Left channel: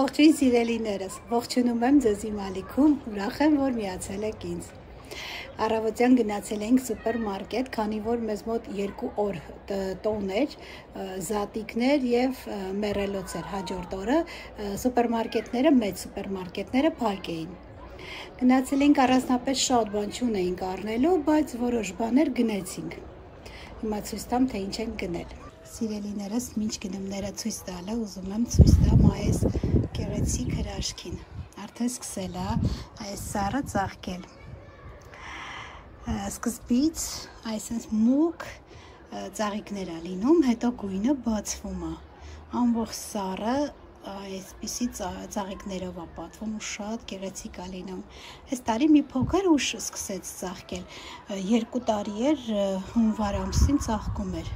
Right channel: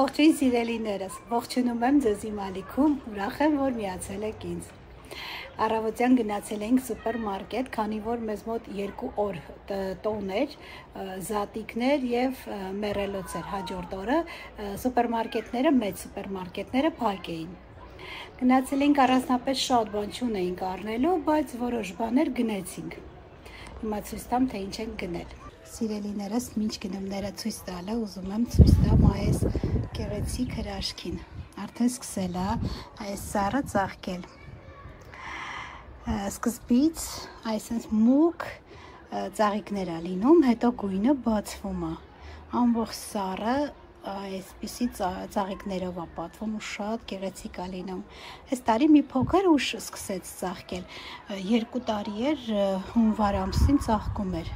Ողջույն սիրելիներս, ողջունում եմ ձեզ իմ ալիքում, ուրախ եմ, որ միացել եք ինձ։ Առավոտյան գնացել էինք սուպերմարկետ, քանի որ մեզ մոտ 2 օր տոն էր, զատիկներ եւ մեռելոց էր հաջորդ օրը, սուպերմարկետները, մեծ սուպերմարկետները փակ էին։ Գնացել էինք առանձնապես շատ բան չունեինք առնելու, բայց որոշ բաներ գնեցինք։ Հիմա ցույց տամ, թե ինչ ենք գնել։ Սիրելիներս, մինչ գնումները ցույց տալը, ուզում եմ ցույց տամ այս գեղեցիկ հրաշքին։ Արդեն սկսել է այս սառը ծաղկել։ Սկզբից այսպես մուգ ծաղիկներ է լինում, հետո գույնը բացվում է։ Ամբողջ սառը այսպիսի ծաղիկներով է պատվում ու շատ գեղեցիկ է լինում։ Այս տարի մի փոքր ուշ սկսեց ծաղկել։ 2 տարի էր հունվար ամսին ծաղկում էր։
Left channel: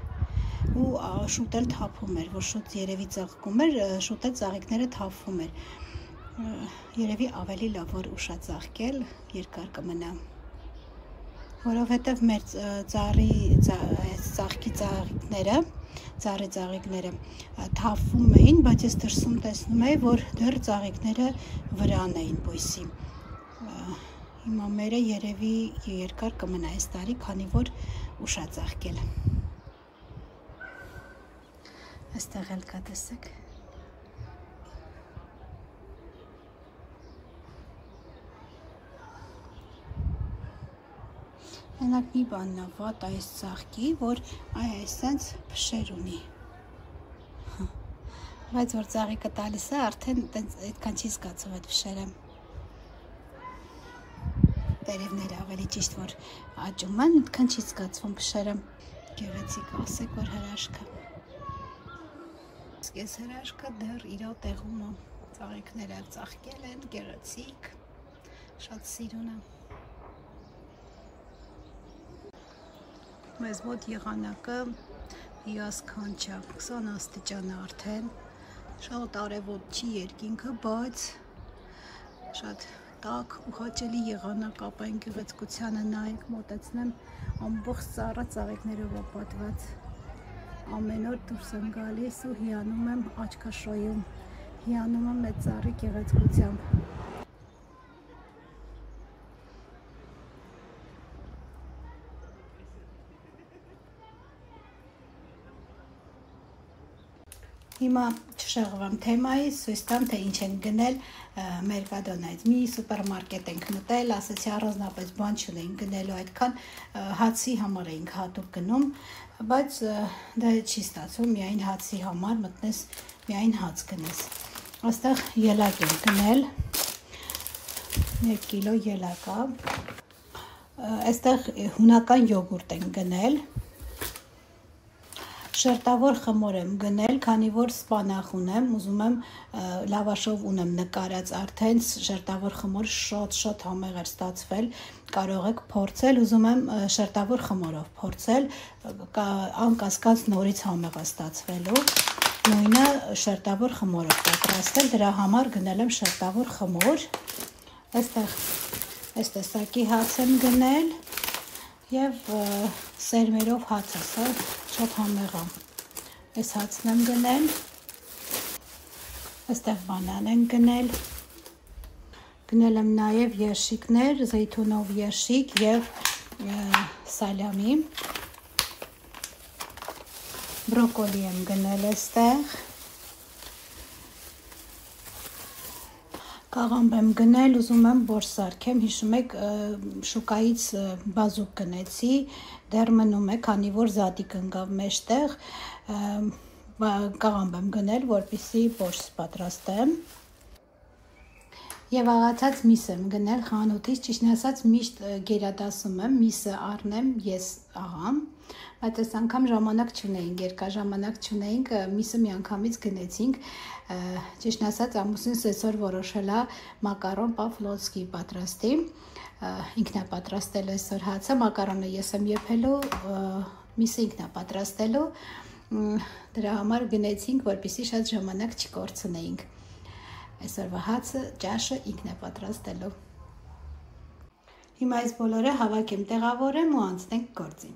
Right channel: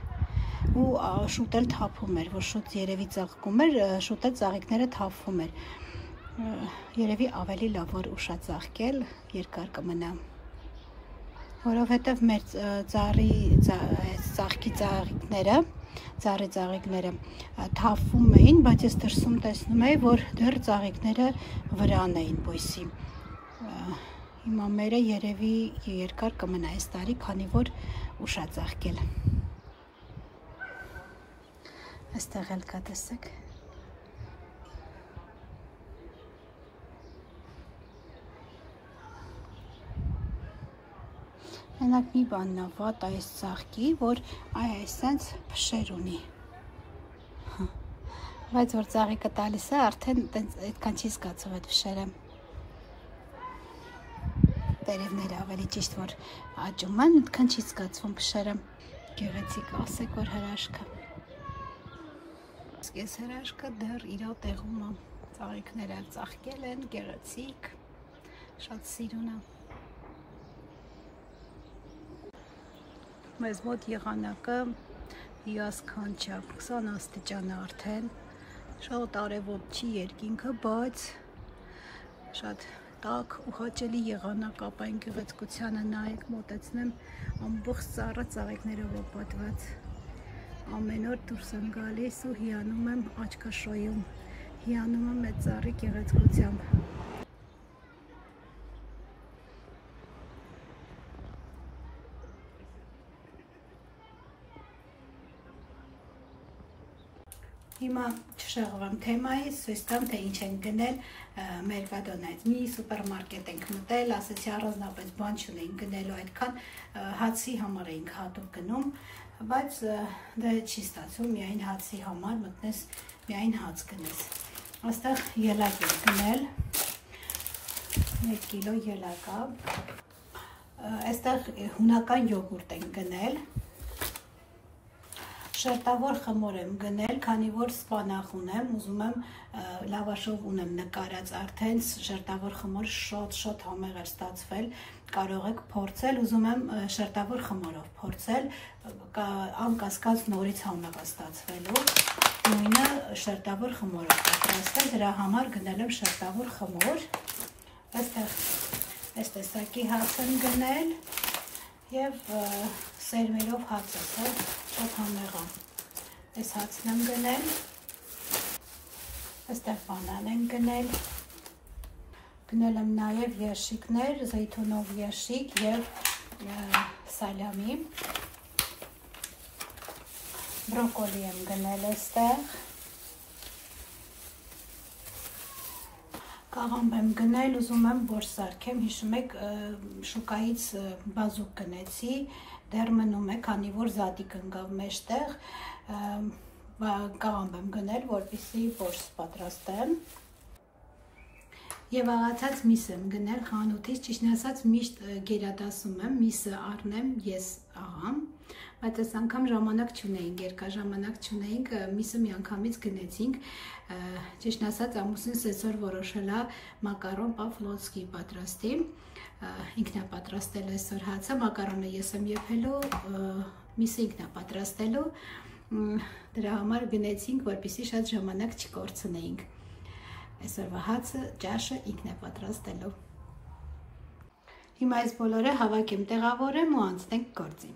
Ու շուտ էլ թափում էր, որ շուտ երևի ծաղկում էր, շուտ էլ ծաղիկները թափվում էր։ Երևի ավելի լավ որ ուշ է ծաղկել, երկար կմնա։ Որովհետև մեր ծաղկի ծաղիկները թափվում էին, բայց ես դրսում տեսնում էի, որ դեռ ծաղիկները վրան էին բույսի։ Հիմա մերը երևի երկար կմնա այս տարի, քանի որ ուշ է ծաղկել։ Այստեղ էլ կա, տեսեք։ Մենակ մի բանն է վատ այս ծաղկի, որ այսպես փշեր ունի։ Բայց որ ծաղիկը տալիս է, արդեն այդքան չի զգացում այդ փշերը։ Տերևները ավելի ճիշտ որ աճում են, այդքան չի զգացվում փշերը։ Գեղեցիկ ասեք, որ հրաշքը։ Ես հրաշքը դեռ իր տեղում է, ծաղիկները ծաղկել են, գեղեցիկ, շատ սիրուն է։ Մեզ մոտ եղանակը հիասքանչ է, 20 աստիճան է արդեն, շատ արևոտ չի երկինքը, բայց շատ տաք ու հաճելի եղանակ ապային գեղեցկությանը նայեք, մոտեցնեմ, ամբողջ ծառը ծաղիկներով է պատված։ Ամեն օր դուրս եմ գալիս ու հիանում եմ աչքաշոյում, հիանում եմ այդ ծառի գեղեցկությամբ։ Հիմա չշեղվեմ թեմայից, ցույց տամ, թե ինչ ենք գնել Մերկադոնայից։ Մի սուպերմարկետ ենք մտել, ասեցի առանձնապես բան չունենք գնելու այդքան, հացի համար էինք հատուկ գնում, բայց դա չի ստացվում, միայն հացի համար մտնես, միայն հաց գնես։ Այստեղ ելակ ենք գնել, 1 կիլո ելակ է, այստեղ հունական յոգուրտ ենք գնել, շերտավոր խմոր եմ գնել, քանի որ սպանախ ունեմ, ուզում եմ լավաշով ունեմ նկարած արդեն, շերտավոր խմոր շատ համեղ էր ստացվել, կարող եք փորձել, ուզում եմ շերտավոր խմորով փորձել, անկասկած նորից համեղ է ստացվելու, նույնը շերտավոր խմորով պատրաստել, դրա համար գնել եմ շերտավոր խմոր, այստեղ այս տեսակի հաց եմ գնել և սերմերով հացս է, շատ համեղ է, այս հացն եմ գնել, այստեղ բանան եմ գնել, գնել եմ նաև երշիկներ, զեյթունով երշիկ և սալյամի, բրոկոլի եմ գնել այստեղ, կաղամբ եմ գնել, ուզում եմ որ սարքեմ, հիշում եք շուկայից բազուկ գնեցի, դեռ մնում է, քանի որ զատիկ ընկավ մեջտեղ, կաղամբ եմ գնել, որպեսզի որս պատրաստեմ։ Եվ աղացած միս եմ գնել խանութից, ճիշտն ասած միշտ գերադասում եմ, միսը առնեմ ես աղամ, բայց այս անգամ ժամանակ չունեինք, երկար ժամանակ չունեինք, միսը միանգամից գնեցինք, ճիշտն ասած ամուսինս այսօր որոշել է մակարոն պավլովսկի պատրաստի, ինքն է պատրաստել այսօր հացը, մակարոնը ես եմ եփելու, միսը ինքն է պատրաստելու, դրա համար գնեցինք, որպեսզի շատ ժամանակ չկորցնեինք, այսօրվա հացը, ճաշը ինքն է պատրաստելու։ Հիմա այս բոլորը հավաքեմ, տեղավորեմ ու անցնենք գործի։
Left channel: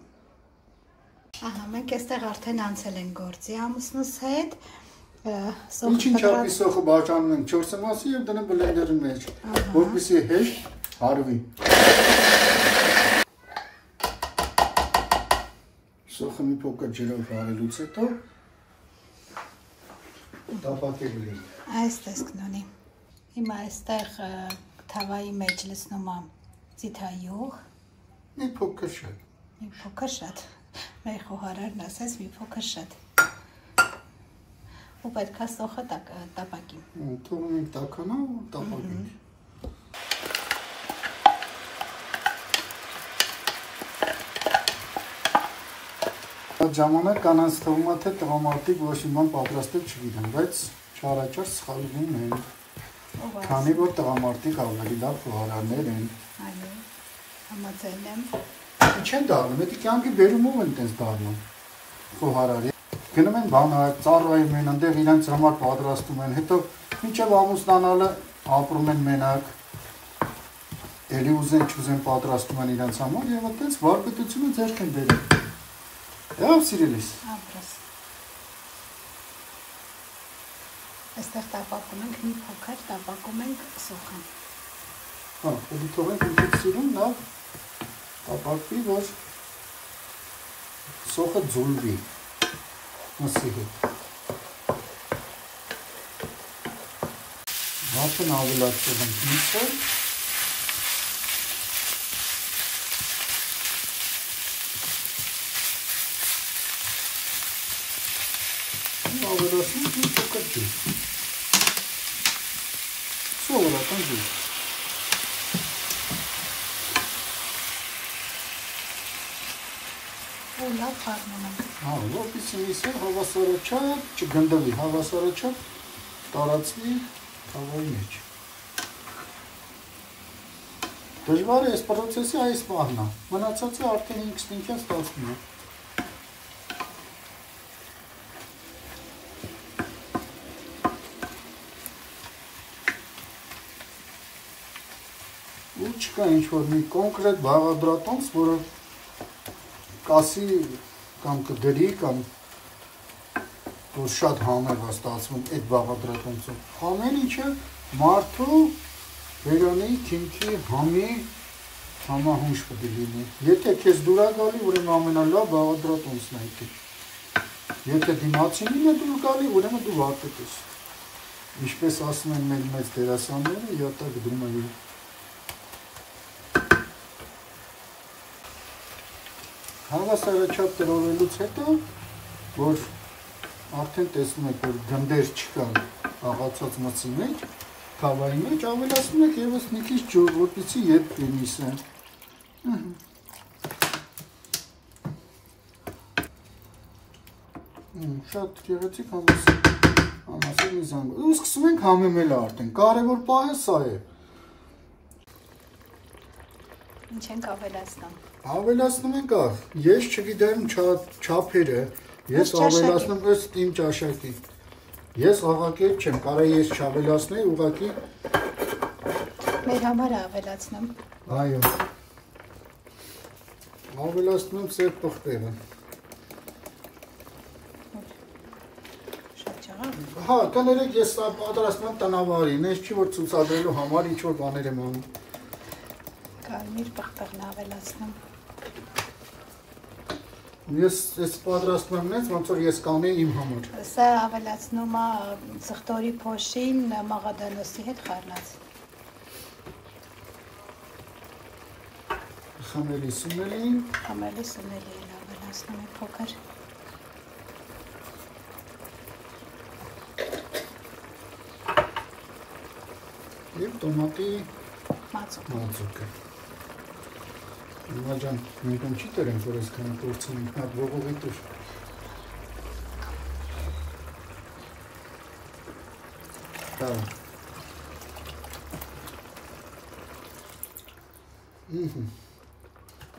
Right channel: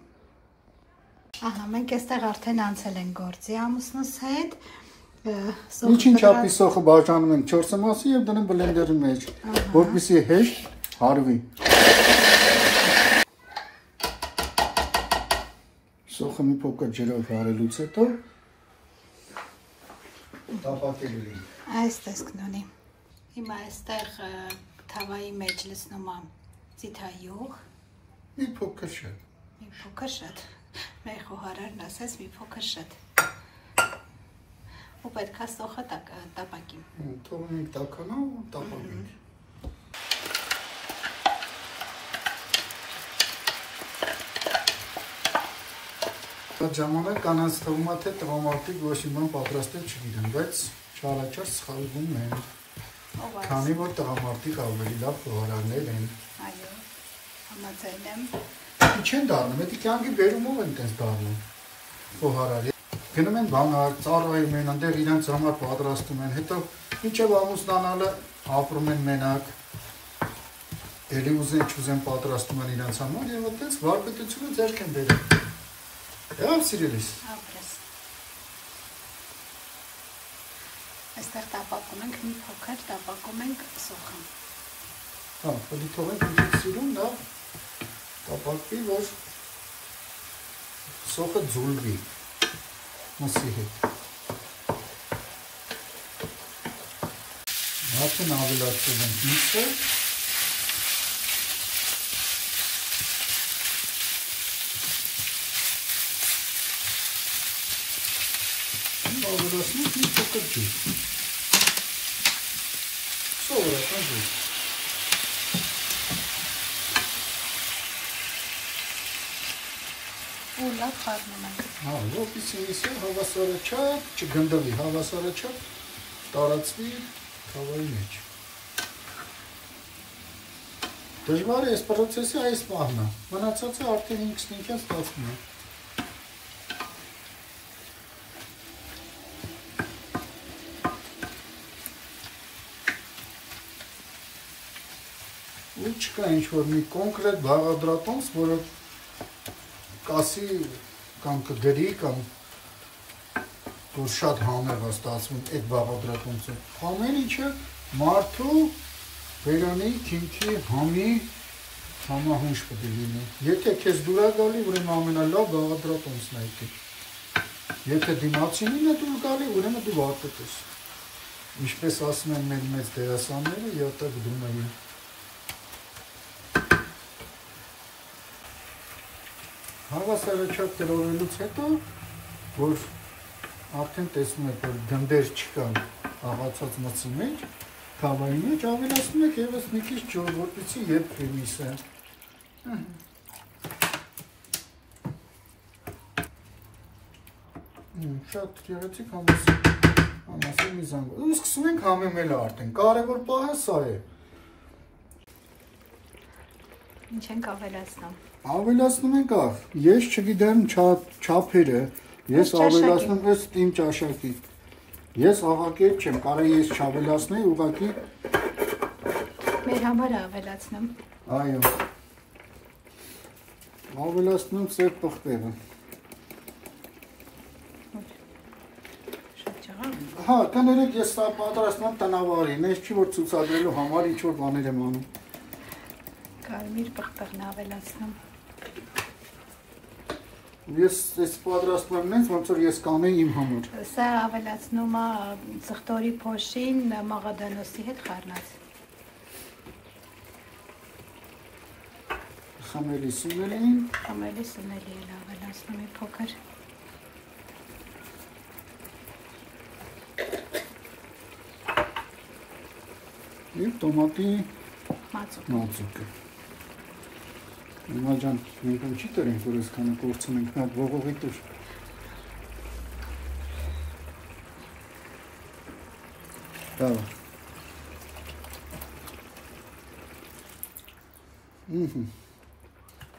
Ահա, մենք այստեղ արդեն անցել ենք գործի ամուսնուս հետ, Միջին չափի սոխը բաժանում ենք 4 մասի եւ դնում բլենդերի մեջ, որպեսզի հեշտ հարվի։ Սոխը մի փոքր ջրով հարելուց հետո տապակել ենք։ Այս տեսքն ունի։ Հիմա այստեղ թավայի մեջ լցնում եմ ձիթայուղ։ Մի փոքր շատ։ Մի փոքր շատ։ Մեր խոհարարն ասես մի փոքր շատ։ Ու պետք է սոխը տապակի։ Թողում ենք տականա ու տապակենք։ Այդ ժամանակ կանանց թվում է թե տղամարդիկ ոչ մի բան պատրաստել չգիտեն, բայց չարաչար սխալվում են։ Քանի որ տղամարդիկ ավելի լավ խոհարարներ են։ Այո, համաձայն եմ։ Չեն դառնում, դա կյանքի բերումով են տես դառնում խոհարարի։ Գնում են բանակ, ծառայում են, այնտեղ իրենց համար պատրաստում են, հետո մինչև ամուսնանալը ապրում են մենակ, էլի ուզեն չուզեն պատրաստում են իրենց համար եւ այդպես վարպետությունը ձեր են բերում։ Լավ սիրելիս։ Ապրես։ Այստեղ տապակում ենք մի փոքր, տապակում ենք սոխը։ Հա, դու թողեք ինքդ սիրում լավ տապակվի, որ սոխը ձուլվի։ Մսի հետ։ Հատն ավելացրել ենք միսը։ Ավելացնում ենք մի փոքր ջուր։ Սովորական ջուր։ Ու լավ խառնում ենք։ Հա, որպեսզի այսօր հավասարաչափ չգնդվի, հավասարաչափ տարածվի թավայի մեջ։ Դժվար է այս պրոցեսի այս պահն է, մնացածը արդեն ինքնին ստացվում է։ Ու չկա ինչ-որ մի կոնկրետ բաղադրատոմս, որը կասի կամ կդրի կամ որ շատ համեղ է ստացվում այդ բաղադրատոմսում։ Ամեն ինչը մարդու վերոնի, քինքի, համի համահունչ պետք է լինի։ Եթե քեզ դուր է գալի, ուրեմն ամենալավ բաղադրատոմսն է դա։ Եթե դիմացինին է դուր գալի, ուրեմն դու վարպետ ես։ Ինչպես ասում են մեր մեծ դերասանները, յոտա գդրում են։ Հավասարաչափ տրորելուց հետո, որ արդեն տեսնում եք, որ գնդեր չկան աղացած մծի մեջ, թավայի մեջ, ավելացնում եք ևս մի քիչ ջուր, որպեսզի եփվի միսը։ Շատ գեղեցիկ համասի մի զանգ։ Ու սկսում ենք համեմել արդեն, կարևոր պահը սա է։ Ինչ ենք ավելացնում։ Ավելացնում ենք ես չգիտեմ չափերը, ես ավելացնում ըստ իմ ճաշակի։ Ես աղակետ չեմ, կարա ես չավելացնեի, ուղղակի մեր համար ավելացնում։ Այո։ Ավելացնում եմ սև պղպեղը։ Շատ ճաղ։ Հա, տներեք ես պատրաստում եմ տնավարին, ես չի որ ցուցադրելու համար ինչ որ բաներ եմ անում։ Կարմիր պղպեղն ավելացնում։ Ես այս պատրաստում եմ նենց, ոնց որ ես կանեի իմ համար։ Սա ավելացնում է ծխտորի փոշին մաղադանոսի հետ խառնած։ Խմելի սունելին։ Խմելի սունելին ավելացնում է փոքր։ Եվ տոմատի մածուկ։ Հիմա ջան, մեկան չի տրենք, որ ես կանը կործին ենք, նա ողողի տուր։ Բավա։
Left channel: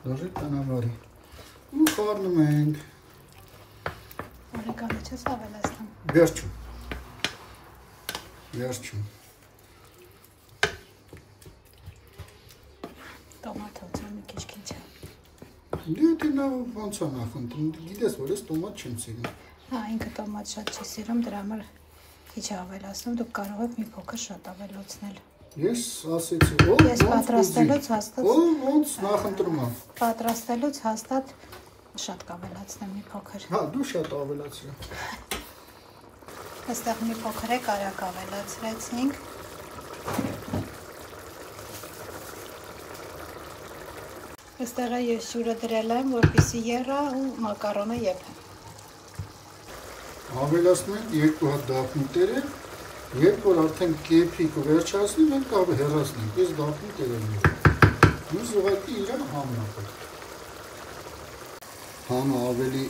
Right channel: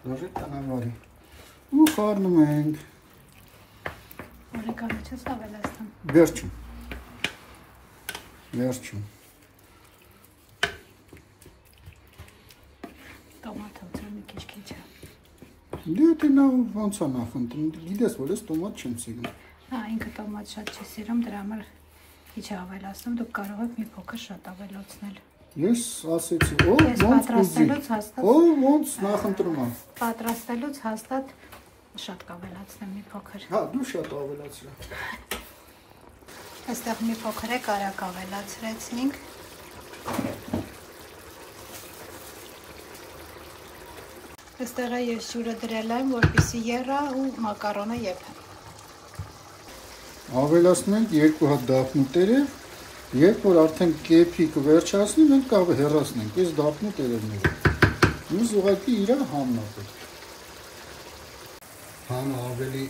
Լոժիկ տնավարի։ Ու խարնում ենք։ Օրեգանո չես ավելացնում։ Վերջում։ Վերջում։ Տոմատոցը մի քիչ է։ Դե նա ոնց է նախընտրում, գիտես որ ես տոմատ չեմ սիրում։ Հա, ինքը տոմատ շատ չի սիրում, դրա համար Քիչ ավելացնում, դուք կարող եք մի փոքր շատ ավելացնել։ Ես ասեցի, Ես պատրաստելուց հաստատ ոնց նախընտրում եմ։ Պատրաստելուց հաստատ շատ կավելացնեմ մի փոքր։ Հա, դու շատ ավելացրի։ Այստեղ մի փոքր է կարակ ավելացրեցինք։ Այստեղ ես ջուրը դրել եմ, որպեսզի եռա ու մակարոնը եփեմ։ Ավելացնում ենք 2 հատ դափնուտերը, երբ որ արդեն կեփի կվերջացնի, մենք կարող հեռացնենք, ես դափնուտերը եմ։ Մյուս ուղղակի իրար համնապետ։ Հանը ավելի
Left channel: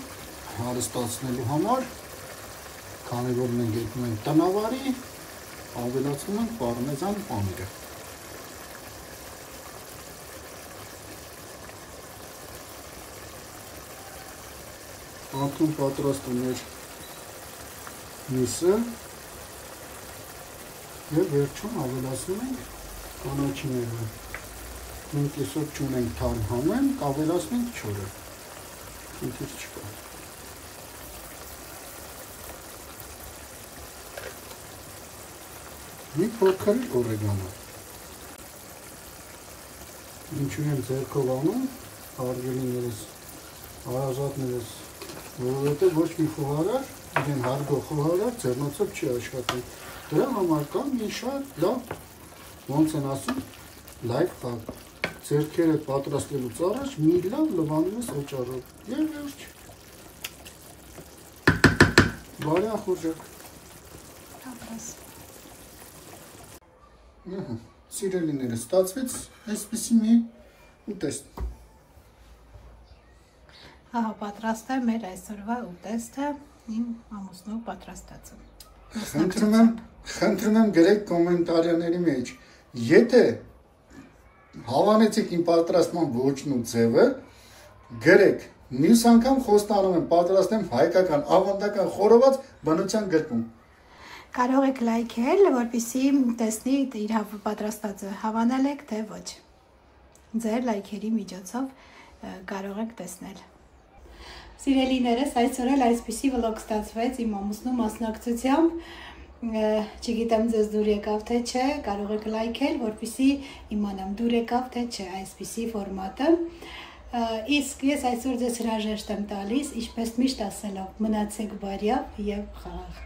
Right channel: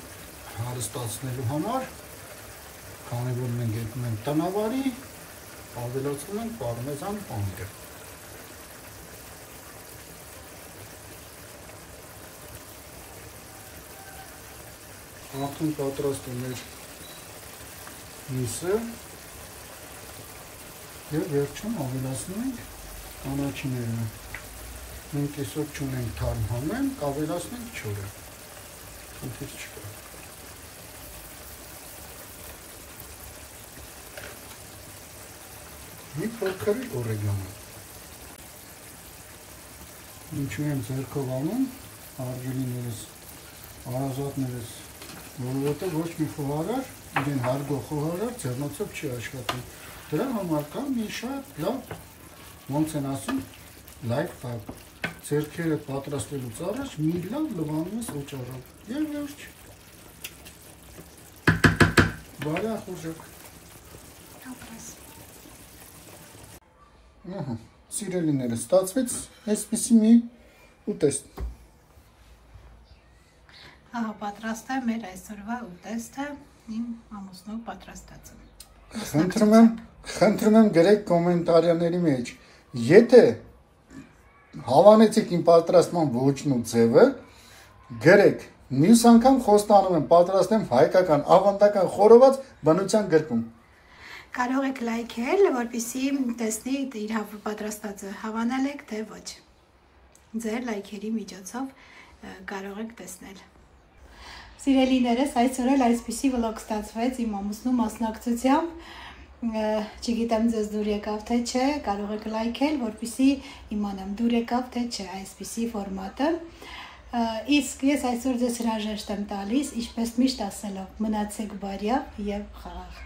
հարստացնելու համար, քանի որ մենք եկնում ենք տնավարի, ավելացնում ենք պարմեզան պանիրը։ Արդեն պատրաստում էր միսը և վերջում ավելացնում ենք կանաչիները։ Մենք այսօր չունենք թարմ համեն, ավելացնում ենք չորը։ Քիչ չկա։ Մի փոքր օրեգանո։ Ինչու եմ ձեռքով անում, հարգելիներս, հարազատներս, որովհետև ոչ մի խոհարար, իրեն հարգող խոհարար ձեռնոցով չի աշխատում։ Դրա համար կա մի շատ լավ, ոնց են ասում, լայֆ հակ։ Ձեռքերը պատրաստելուց առաջ մի լավ լվանում ես օճառով։ Եվ վերջ։ Բարեխորժակ։ Սիրելիները, ստացվեց այսպիսի մի ուտեստ։ Ահա պատրաստ է մեր այսօրվա ուտեստը, իմ ամուսնու պատրաստածը։ Խնդրում եմ գրեք կոմենտարիաների մեջ, եթե հավանեցիք իմ պատրաստման ոճն ու ձևը, գրեք, մյուս անգամ խոստանում եմ պատրաստեմ հայկական ավանդական խորոված բնության գրքում։ Կարող եք լայքել, որպեսզի տեսնի իր պատրաստածը հավանել եք, թե ոչ։ Ձեր լայքերի միջոցով կարող եք տեսնել։ Սիրելիներս, այսօր էլ այսպիսի վլոգ ստացվեց իմ ամուսնու մասնակցությամբ։ Չգիտեմ ձեզ դուր եկավ թե չէ, կարող եք լայքել, որպեսզի իմանամ դուր եկավ թե չէ այսպիսի ֆորմատը։ Իսկ ես այսօր ձեզ հրաժեշտ եմ տալիս, ինչպես միշտ ասելով, մնացեք բարյավ և խաղաղ։